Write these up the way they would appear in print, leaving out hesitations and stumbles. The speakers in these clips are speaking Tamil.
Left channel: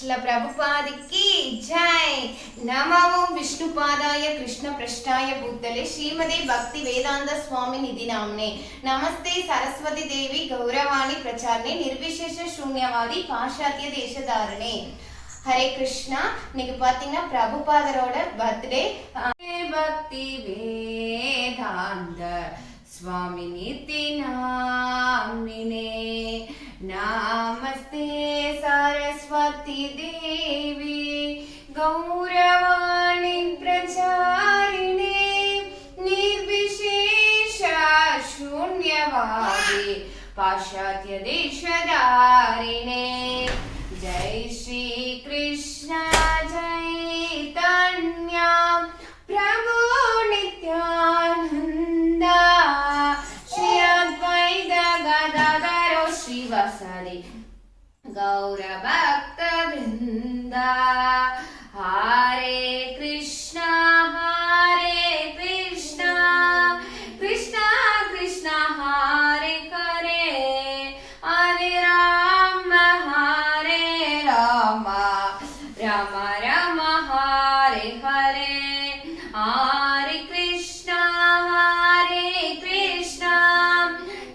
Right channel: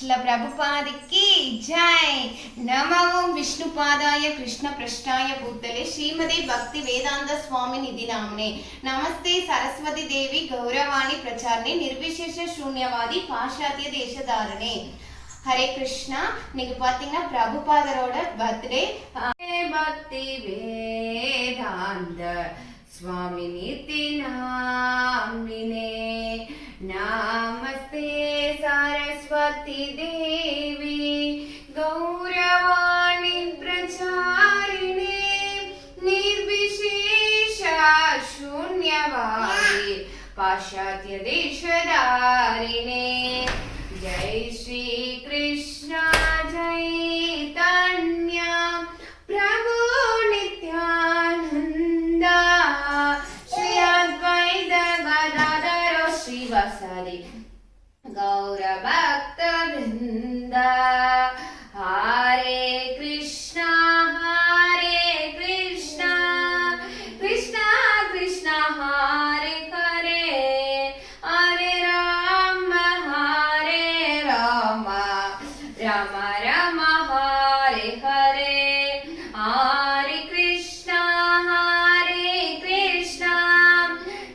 श्रील प्रभुपाद की जय। नमो विष्णुपादाय कृष्ण पृष्ठाय भूतले श्रीमती भक्ति वेदांत स्वामी निधि नामने नमस्ते सरस्वती देवी गौरवाणी प्रचारने निर्विशेष शून्यवादी पाश्चात्य देशधारणे। हरे कृष्णा। இன்னைக்கு பாத்தீங்கன்னா பிரபுபாதரோட பர்த்டே। भक्ति वेदांत स्वामी निधि नामने नमस्ते सरस्वती देवी गौरवाणी प्रचारिणे निर्विशेष शून्यवादी पाश्चात्य देशधारिणे। जय श्री कृष्ण चैतन्य प्रभु नित्यानंद श्री अद्वैत गदाधर श्रीवासादि गौर भक्त वृंद। हरे कृष्णा कृष्णा कृष्णा हरे हरे हरे राम राम राम हरे हरे। हरे कृष्णा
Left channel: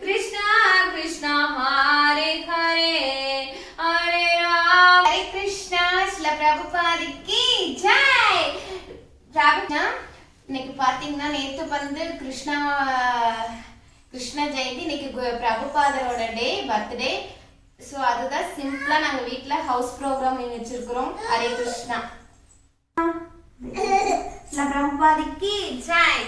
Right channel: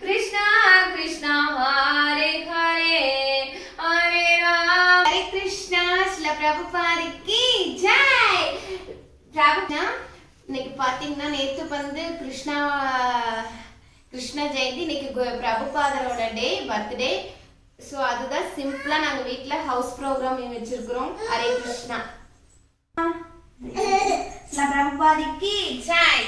कृष्णा कृष्णा हरे हरे हरे राम। हरे कृष्णा। श्रील प्रभुपाद की जय। இன்னைக்கு பாத்தீங்கன்னா நேத்து வந்து கிருஷ்ண ஜெயந்தி, இன்னைக்கு பிரபுபாதரோட டே பர்த்டே. ஸோ அதுதான் சிம்பிளா நாங்க வீட்ல ஹவுஸ் ப்ரோக்ராம் வச்சிருக்கிறோம். ஹரே கிருஷ்ணா। பிரபுபாद की जय।